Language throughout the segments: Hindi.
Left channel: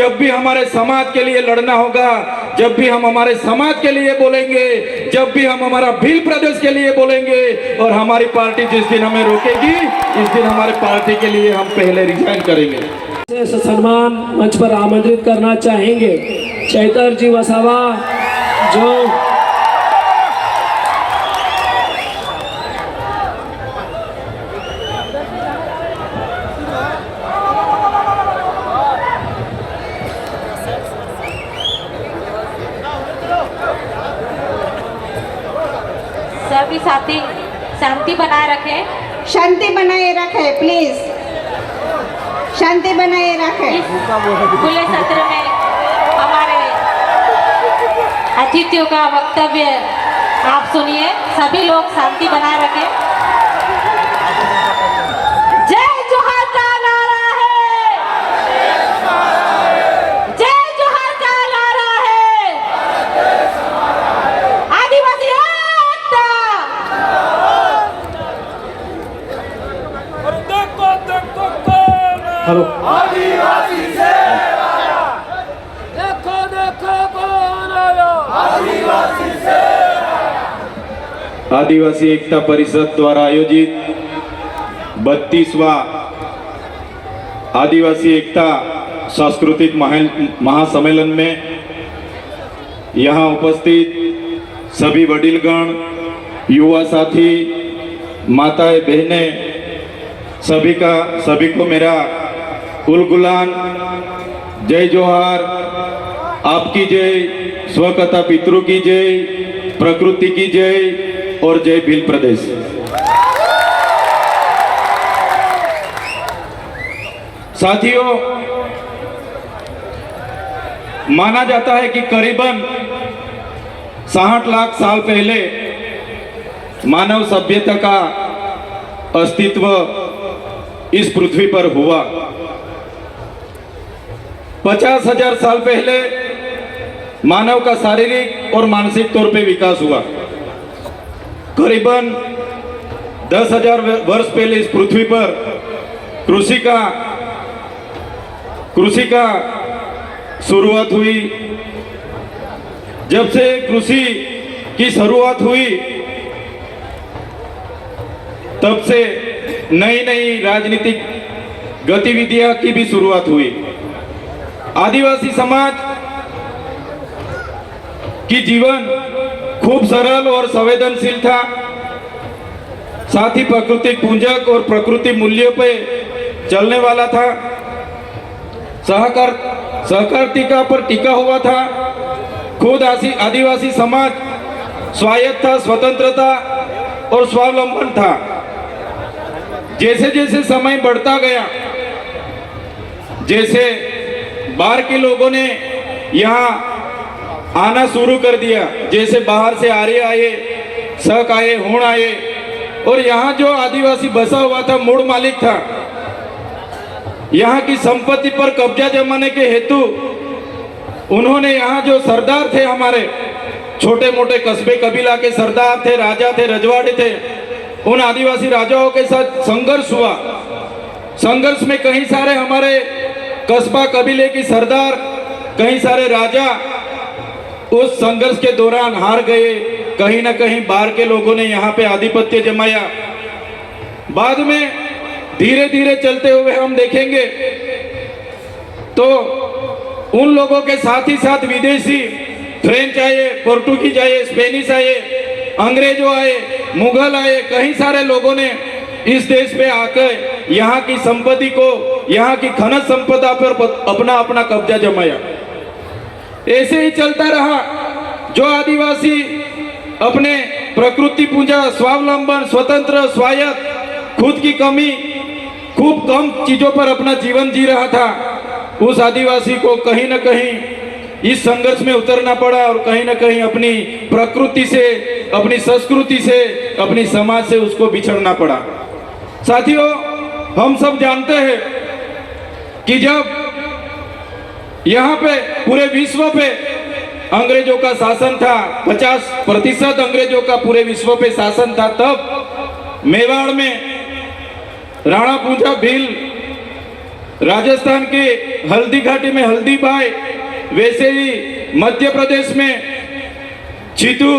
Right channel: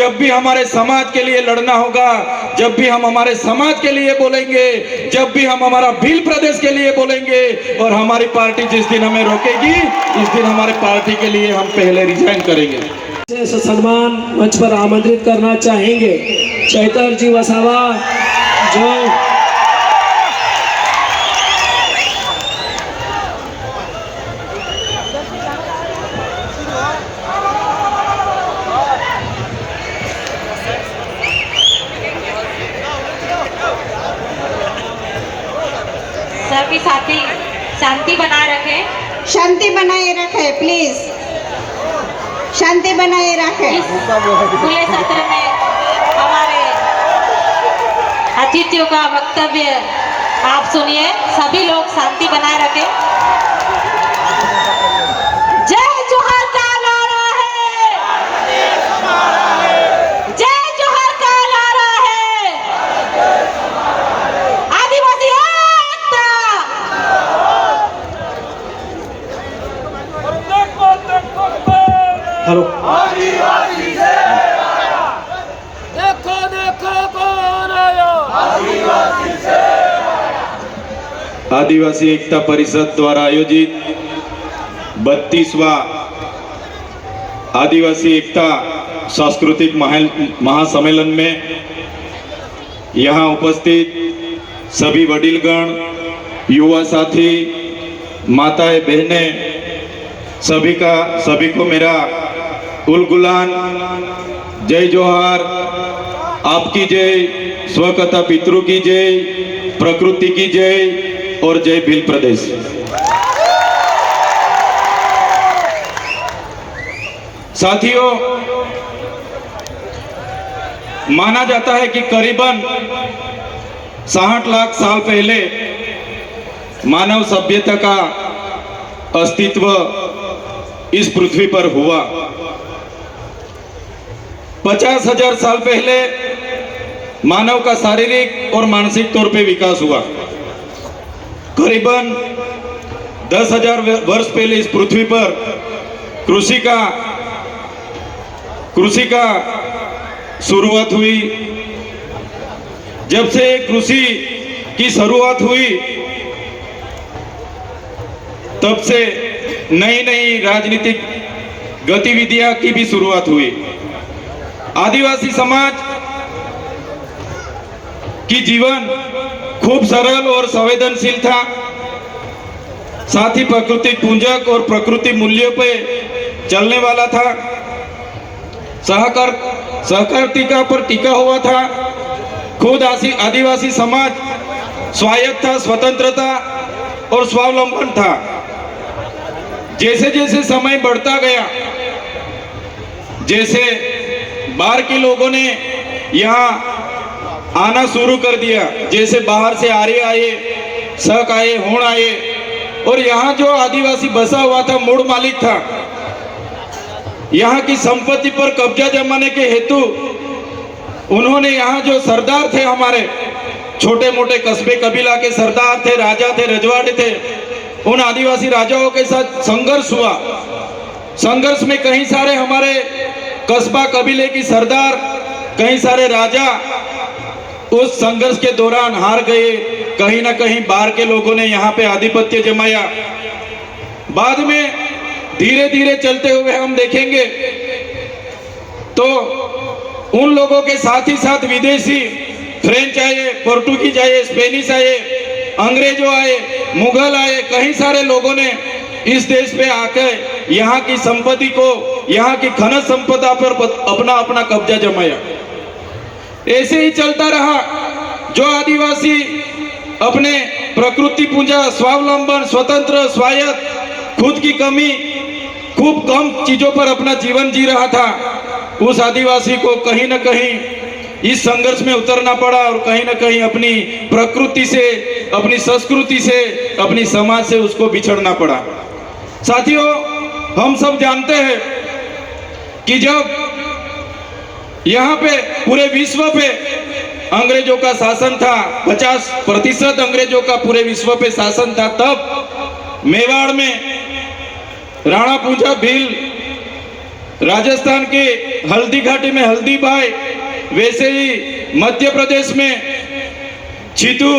जब भी हमारे समाज के लिए लड़ना होगा, जब भी हम हमारे समाज के लिए बोलेंगे, जब भी हम हमारा भील प्रदेश के लिए बोलेंगे और हमारी पार्टी जिस दिन हमें रोकेगी, इस दिन हमारे पार्टी के लिए हम पहले रिजाइन करेंगे। सम्मान मंच पर आमंत्रित करना चाहेंगे चैतर जी वसावा, जो सभी साथी शांति बनाए रखें। शांति बनाए रखें प्लीज, शांति बनाए रखें। इस खुले सत्र में हमारे अतिथियों का वक्तव्य आप सुनिए। सभी लोग शांति बनाए रखें। जय जोहार का नारा है, जय जोहार का नारा है, आदिवासी एकता। हेलो, आदिवासी एकता परिषद द्वारा आयोजित 32वां आदिवासी एकता सांस्कृतिक महासम्मेलन में यहाँ उपस्थित सभी वडीलगण, युवा साथी, माताएं, बहनें, सभी को मेरा उल गुलान, जय जोहार, आपकी जय, स्वकथा पितृ की जय, प्रकृति की जय और जय भील प्रदेश। साथियों, माना जाता है कि करीबन 60 लाख साल पहले मानव सभ्यता का अस्तित्व इस पृथ्वी पर हुआ। 50,000 साल पहले मानव का शारीरिक और मानसिक तौर पे विकास हुआ। करीबन 10,000 वर्ष पहले इस पृथ्वी पर कृषि का शुरुआत हुई। जब से कृषि की शुरुआत हुई, तब से नई नई राजनीतिक गतिविधियां की भी शुरुआत हुई। आदिवासी समाज की जीवन खूब सरल और संवेदनशील था। साथ ही प्रकृति पूजक और प्रकृति मूल्यों पे चलने वाला था। सहकारिता पर टिका हुआ था। खुद आदिवासी समाज स्वायत्त था, स्वतंत्रता और स्वावलंबन था। जैसे जैसे समय बढ़ता गया, जैसे बाहर के लोगों ने यहाँ आना शुरू कर दिया, जैसे बाहर से आर्य आए, शक आए, होड़ आए, और यहाँ जो आदिवासी बसा हुआ था, मूल मालिक था, यहाँ की संपत्ति पर कब्जा जमाने के हेतु उन्होंने यहाँ जो सरदार थे, हमारे छोटे मोटे कस्बे कबीला के सरदार थे, राजा थे, रजवाड़े थे, उन आदिवासी राजाओं के साथ संघर्ष हुआ। संघर्ष में कई सारे हमारे कस्बा कबीले की सरदार, कई सारे राजा उस संघर्ष के दौरान हार गए। कहीं ना कहीं बाहर के लोगों ने यहाँ पे आधिपत्य जमाया। बाद में धीरे धीरे चलते हुए हम देखेंगे तो उन लोगों के साथ ही साथ विदेशी, फ्रेंच आए, पोर्टुगीज आए, स्पेनिश आए, अंग्रेजों आए, मुगल आए, कई सारे लोगों ने इस देश पे आकर यहाँ की संपत्ति को, यहाँ की खनिज संपदा पर अपना अपना कब्जा जमाया। ऐसे ही चलता रहा। जो आदिवासी अपने प्रकृति पूजा, स्वावलंबन, स्वतंत्र, स्वायत्त, खुद की कमी, खूब कम चीजों पर अपना जीवन जी रहा था, उस आदिवासी को कहीं ना कहीं इस संघर्ष में उतरना पड़ा और कहीं ना कहीं अपनी प्रकृति से, अपनी संस्कृति से, अपनी समाज से उसको बिछड़ना पड़ा। साथियों, हम सब जानते हैं कि जब यहाँ पे पूरे विश्व पे अंग्रेजों का शासन था, 50% अंग्रेजों का पूरे विश्व पे शासन था, तब मेवाड़ में राणा पूंजा भील, राजस्थान के हल्दी घाटी में हल्दी बाई, वैसे ही मध्य प्रदेश में चितू,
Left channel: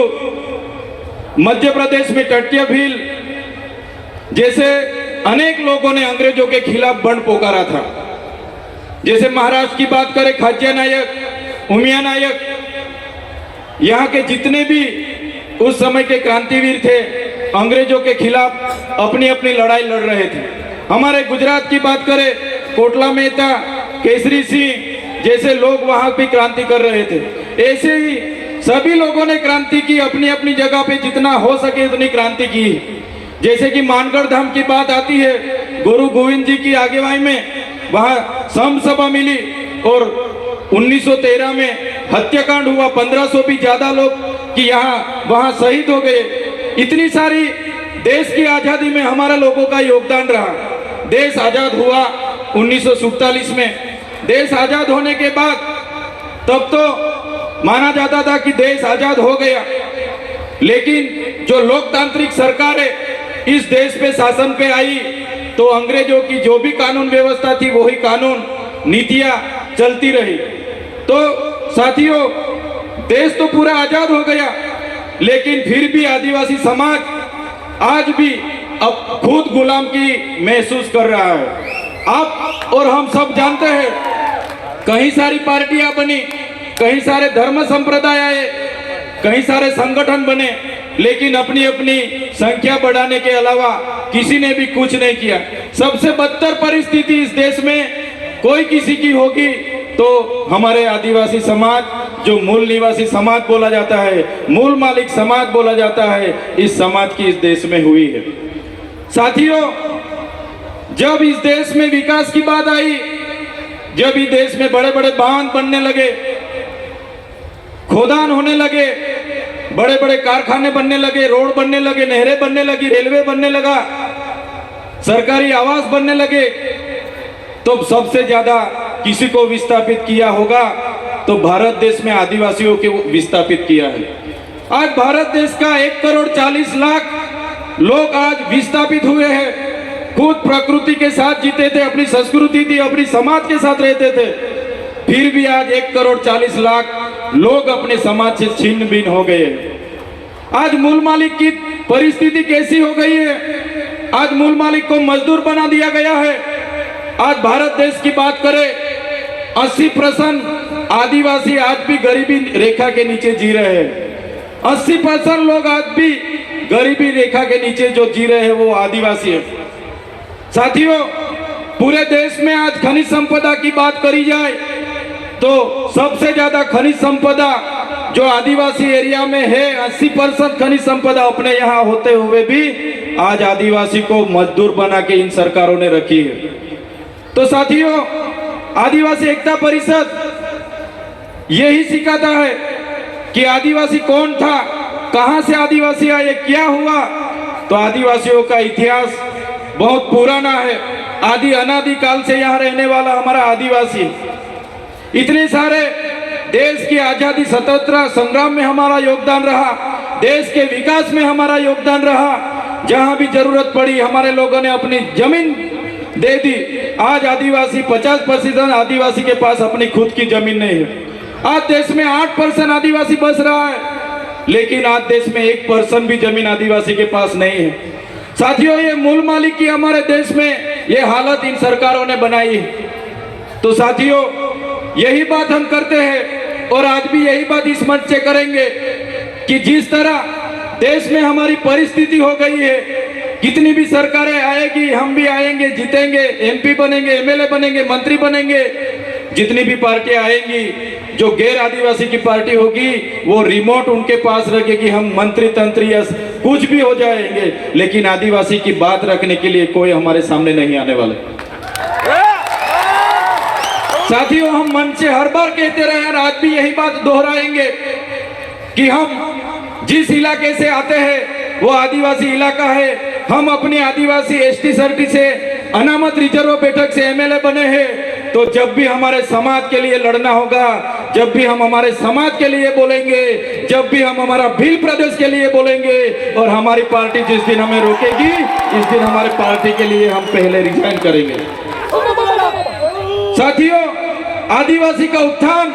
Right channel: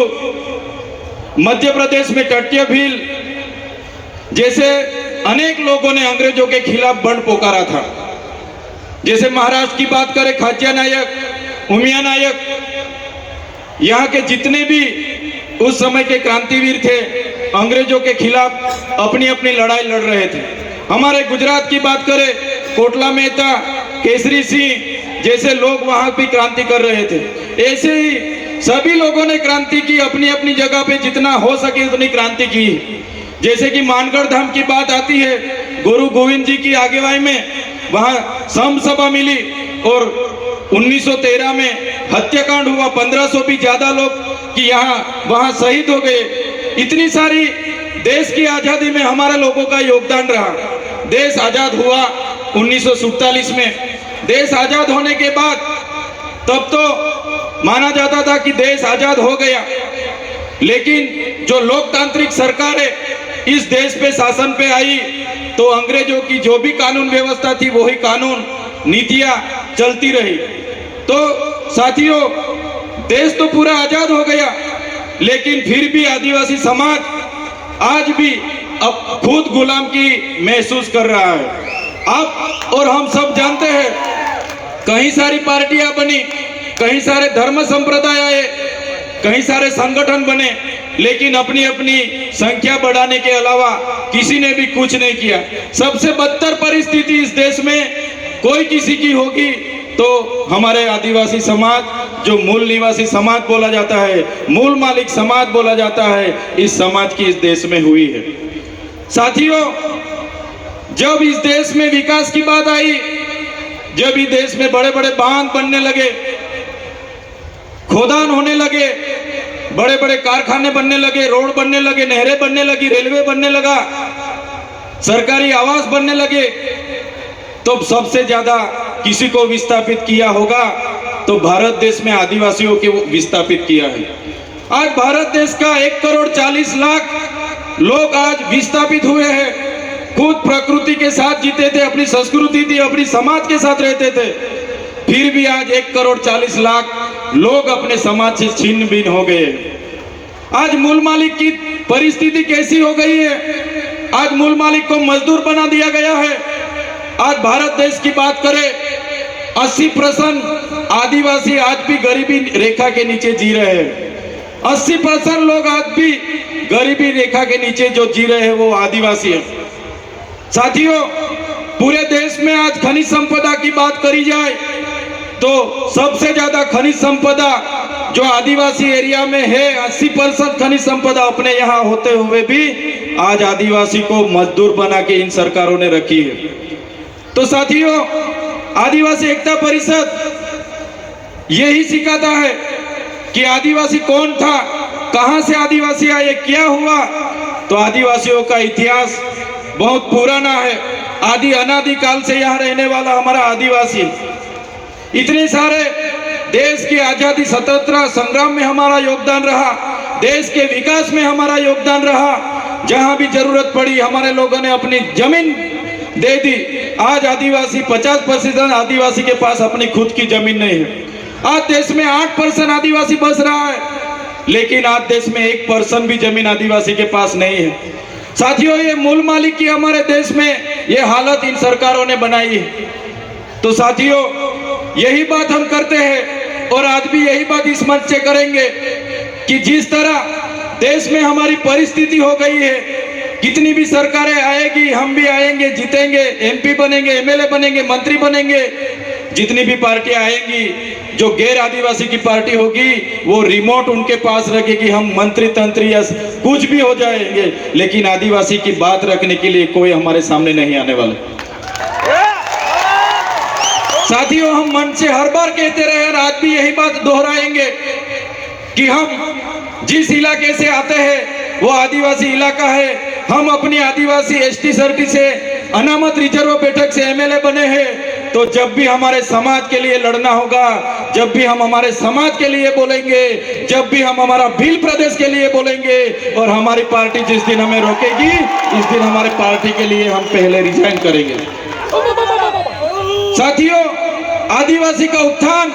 मध्य प्रदेश में टट्टिया भील जैसे अनेक लोगों ने अंग्रेजों के खिलाफ बंड पुकारा था। जैसे महाराष्ट्र की बात करें, खाज्या नायक, उमिया नायक, यहाँ के जितने भी उस समय के क्रांतिवीर थे अंग्रेजों के खिलाफ अपनी अपनी लड़ाई लड़ रहे थे। हमारे गुजरात की बात करें, कोटला मेहता, केसरी सिंह जैसे लोग वहां भी क्रांति कर रहे थे। ऐसे ही सभी लोगों ने क्रांति की, अपनी अपनी जगह पे जितना हो सके उतनी क्रांति की। जैसे कि मानगढ़ धाम की बात आती है, गुरु गोविंद जी की आगेवाई में वहां संत सभा मिली और 1913 में हत्याकांड हुआ। 1500 भी ज्यादा लोग कि यहाँ वहां शहीद हो गए। इतनी सारी देश की आजादी में हमारे लोगों का योगदान रहा। देश आजाद हुआ 1947 में। देश आजाद होने के बाद तब तो माना जाता था कि देश आजाद हो गया, लेकिन जो लोकतांत्रिक सरकारें इस देश पे शासन पे आई तो अंग्रेजों की जो भी कानून व्यवस्था थी वही कानून नीतियां चलती रही। तो साथियों, देश तो पूरा आजाद हो गया, लेकिन फिर भी आदिवासी समाज आज भी अब खुद गुलाम की महसूस कर रहा है। आप और हम सब जानते हैं, कई सारी पार्टियां बनी, कई सारे धर्म संप्रदाय आए, कई सारे संगठन बने, लेकिन अपनी अपनी संख्या बढ़ाने के अलावा किसी ने भी कुछ नहीं किया। सबसे बदतर परिस्थिति इस देश में कोई किसी की होगी तो हमारे आदिवासी समाज, जो मूल निवासी समाज बोला जाता है, मूल मालिक समाज बोला जाता है, इस समाज की इस देश में हुई है। साथियों, जब इस देश में विकास की बात आई, जब इस देश में बड़े बड़े बांध बनने लगे, खोदान होने लगे, बड़े बड़े कारखाने बनने लगे, रोड बनने लगे, नहरें बनने लगी, रेलवे बनने लगा, सरकारी आवास बनने लगे, तो सबसे ज्यादा किसी को विस्थापित किया होगा तो भारत देश में आदिवासियों को विस्थापित किया है। आज भारत देश का 1,40,00,000 लोग आज विस्थापित हुए हैं। खुद प्रकृति के साथ जीते थे, अपनी संस्कृति थी, अपनी समाज के साथ रहते थे, फिर भी आज 1,40,00,000 लोग अपने समाज से छिन्न भिन्न हो गए। आज मूल मालिक की परिस्थिति कैसी हो गई है? आज मूल मालिक को मजदूर बना दिया गया है। आज भारत देश की बात करें, 80% आदिवासी आज भी गरीबी रेखा के नीचे जी रहे हैं। 80% लोग आज भी गरीबी रेखा के नीचे जो जी रहे हैं वो आदिवासी है। साथियों, पूरे देश में आज खनिज संपदा की बात करी जाए तो सबसे ज्यादा खनिज संपदा जो आदिवासी एरिया में है, 80% खनिज संपदा अपने यहाँ होते हुए भी आज आदिवासी को मजदूर बना के इन सरकारों ने रखी है। तो साथियों, आदिवासी एकता परिषद यही सिखाता है कि आदिवासी कौन था, कहां से आदिवासी आए, क्या हुआ। तो आदिवासियों का इतिहास बहुत पुराना है। आदि अनादि काल से यहाँ रहने वाला हमारा आदिवासी, इतने सारे देश की आजादी स्वतंत्रता संग्राम में हमारा योगदान रहा, देश के विकास में हमारा योगदान रहा। जहां भी जरूरत पड़ी हमारे लोगों ने अपनी जमीन दे दी। आज आदिवासी 50% आदिवासी के पास अपनी खुद की जमीन नहीं है। आज देश में 8% आदिवासी बस रहा है, लेकिन आज देश में 1% भी जमीन आदिवासी के पास नहीं है। साथियों, ये मूल मालिक की हमारे देश में ये हालत इन सरकारों ने बनाई है। तो साथियों, यही बात हम करते हैं और आज भी यही बात इस मंच से करेंगे कि जिस तरह देश में हमारी परिस्थिति हो गई है, कितनी भी सरकारें आएगी, हम भी आएंगे, जीतेंगे, एमपी बनेंगे, एमएलए बनेंगे, मंत्री बनेंगे, जितनी भी पार्टियां आएंगी, जो गैर आदिवासी की पार्टी होगी वो रिमोट उनके पास रखेगी, हम मंत्री तंत्री या कुछ भी हो जाएंगे, लेकिन आदिवासी की बात रखने के लिए कोई हमारे सामने नहीं आने वाले। साथियों, हम मन से हर बार कहते रहे और आज भी यही बात दोहराएंगे कि हम जिस इलाके से आते हैं वो आदिवासी इलाका है। हम अपनी आदिवासी एसटी सर्टी से अनामत रिजर्व बैठक से एमएलए बने हैं। तो जब भी हमारे समाज के लिए लड़ना होगा, जब भी हम हमारे समाज के लिए बोलेंगे, जब भी हम हमारा भील प्रदेश के लिए बोलेंगे और हमारी पार्टी जिस दिन हमें रोकेगी, इस दिन हमारे पार्टी के लिए हम पहले रिजाइन करेंगे। साथियों, आदिवासी का उत्थान,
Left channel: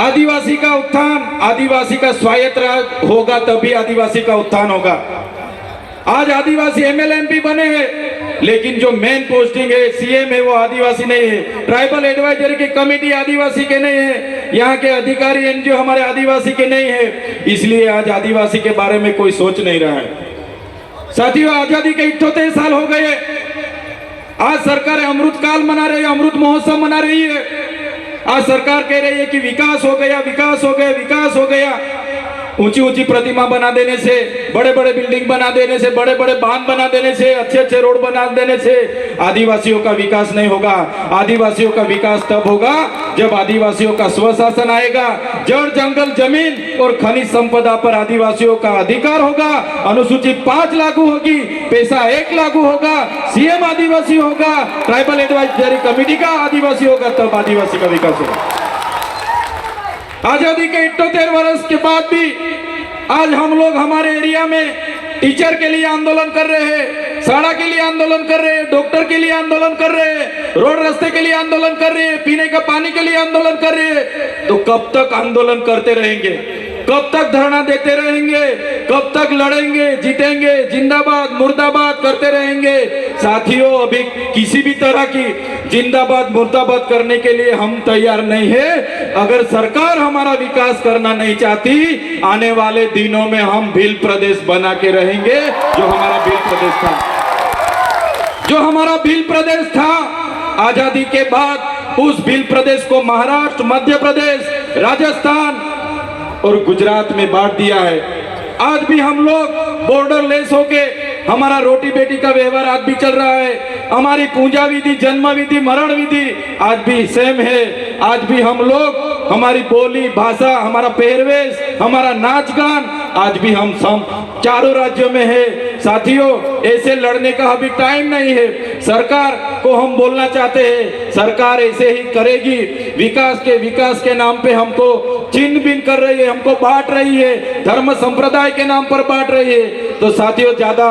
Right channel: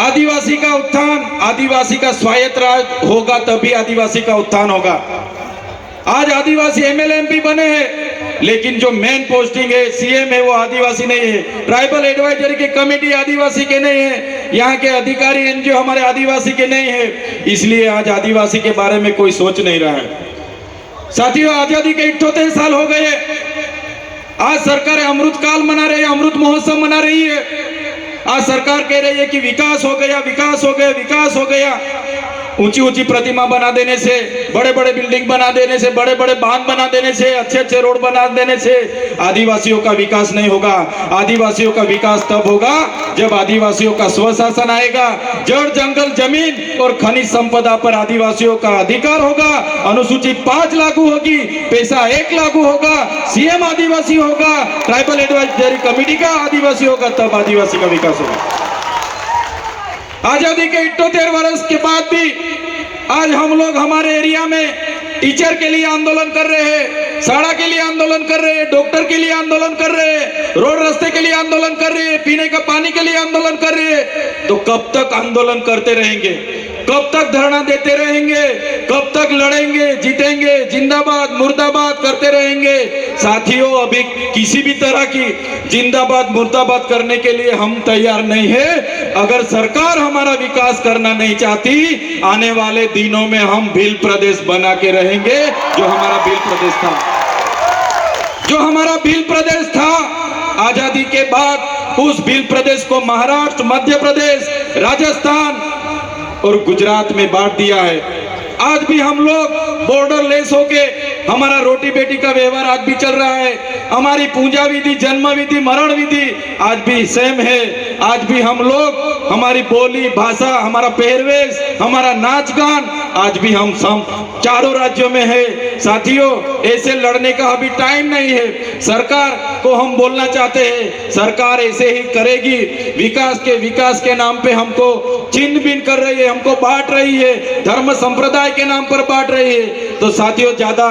आदिवासी का उत्थान, आदिवासी का स्वायत्त राज होगा तभी आदिवासी का उत्थान होगा। आज आदिवासी एमएलए एमपी बने हैं, लेकिन जो मेन पोस्टिंग है सीएम है वो आदिवासी नहीं है। ट्राइबल एडवाइजरी की कमेटी आदिवासी के नहीं है, यहाँ के अधिकारी एनजीओ हमारे आदिवासी के नहीं है, इसलिए आज आदिवासी के बारे में कोई सोच नहीं रहा है। साथियों, आजादी के 78 साल हो गए। आज सरकार अमृत काल मना रही है, अमृत महोत्सव मना रही है। आज सरकार कह रही है कि विकास हो गया, विकास हो गया, विकास हो गया। ऊंची ऊंची प्रतिमा बना देने से, बड़े बड़े बिल्डिंग बना देने से, बड़े बड़े बांध बना देने से, अच्छे अच्छे रोड बना देने से आदिवासियों का विकास नहीं होगा। आदिवासियों का विकास तब होगा जब आदिवासियों का स्वशासन आएगा, जड़ जंगल जमीन और खनिज संपदा पर आदिवासियों का अधिकार होगा, अनुसूचित 5 लागू होगी, पैसा 1 लागू होगा, सीएम आदिवासी होगा, ट्राइबल एडवाइजरी कमेटी का आदिवासी होगा, तब आदिवासी का विकास होगा। आजादी के 78 वर्ष के बाद भी आज हम लोग हमारे एरिया में टीचर के लिए आंदोलन कर रहे हैं, सड़क के लिए आंदोलन कर रहे हैं, डॉक्टर के लिए आंदोलन कर रहे हैं, रोड रास्ते के लिए आंदोलन कर रहे हैं, पीने का पानी के लिए आंदोलन कर रहे हैं। तो कब तक आंदोलन करते रहेंगे? कब तक धरना देते रहेंगे? कब तक लड़ेंगे, जीतेंगे, जिंदाबाद मुर्दाबाद करते रहेंगे? साथियों, अभी किसी भी तरह की जिंदाबाद मुर्दाबाद करने के लिए हम तैयार नहीं है। अगर सरकार हमारा विकास करना नहीं चाहती, आने वाले दिनों में हम भील प्रदेश बना के रहेंगे, जो हमारा भील प्रदेश था, जो हमारा भील प्रदेश था। आजादी के बाद उस भील प्रदेश को महाराष्ट्र, मध्य प्रदेश, राजस्थान और गुजरात में बांट दिया है। आज भी हम लोग बॉर्डर लेस होके हमारा रोटी बेटी का व्यवहार आज भी चल रहा है। हमारी पूजा विधि, जन्म विधि, मरण विधि आज भी सेम है। आज भी हम लोग, हमारी बोली भाषा, हमारा पहरवेश, हमारा नाच गान आज भी हम चारों राज्यों में है। साथियों, ऐसे लड़ने का अभी टाइम नहीं है। सरकार को हम बोलना चाहते हैं, सरकार ऐसे ही करेगी। विकास के नाम पे हमको छिन्न भिन्न कर रही है, हमको बांट रही है, धर्म संप्रदाय के नाम पर बांट रही है। तो साथियों, ज्यादा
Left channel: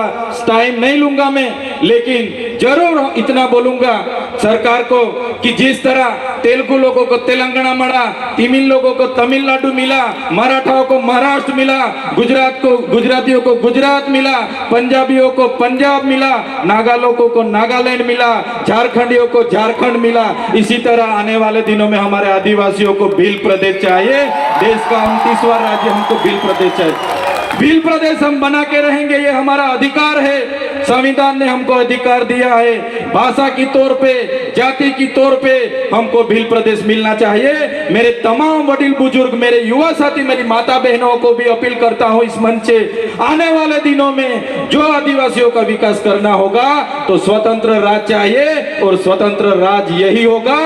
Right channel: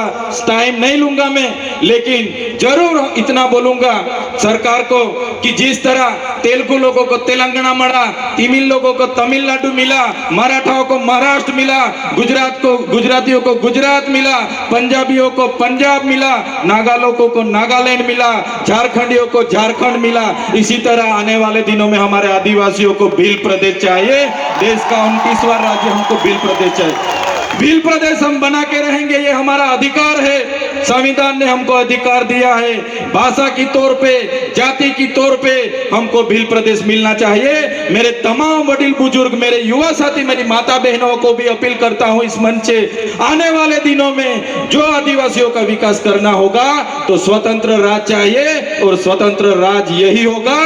टाइम नहीं लूंगा मैं, लेकिन जरूर इतना बोलूंगा सरकार को कि जिस तरह तेलुगु लोगों को तेलंगाना मिला, तमिल लोगों को तमिलनाडु मिला, मराठाओं को महाराष्ट्र मिला, गुजरातियों को गुजरात मिला, पंजाबियों को पंजाब मिला, नागा लोगों को नागालैंड मिला, झारखंडियों को झारखंड मिला, इसी तरह आने वाले दिनों में हमारे आदिवासियों को भील प्रदेश चाहिए। देश का 29वां राज्य हमको भील प्रदेश चाहिए। भील प्रदेश हम बना के रहेंगे, ये हमारा अधिकार है। संविधान ने हमको अधिकार दिया है। भाषा की तौर पे, जाति की तौर पे हमको भील प्रदेश मिलना चाहिए। मेरे तमाम वडील बुजुर्ग, मेरे युवा साथी, मेरी माता बहनों को भी अपील करता हूं इस मंच से, आने वाले दिनों में जो आदिवासियों का विकास करना होगा तो स्वतंत्र राज चाहिए, और स्वतंत्र राज यही होगा,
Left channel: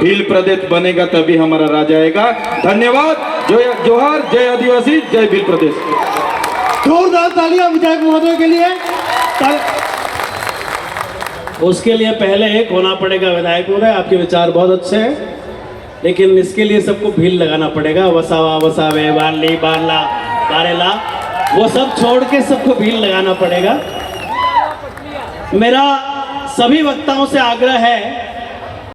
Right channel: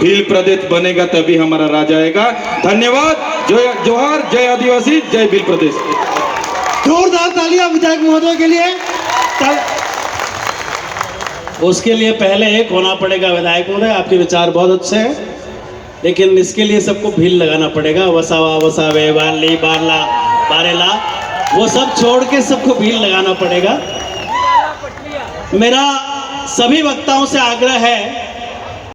भील प्रदेश बनेगा तभी हमारा राज आएगा। धन्यवाद। जय जोहार, जय आदिवासी, जय भील प्रदेश। जोरदार तालियां विधायक महोदय के लिए। उसके लिए पहले एक होना पड़ेगा विधायक महोदय, आपके विचार बहुत अच्छे हैं, लेकिन इसके लिए सबको भील लगाना पड़ेगा। वसावा, वसावे, बारली, बारला, बारेला, वो सब छोड़ के सबको भील लगाना पड़ेगा। मेरा सभी वक्ताओं से आग्रह है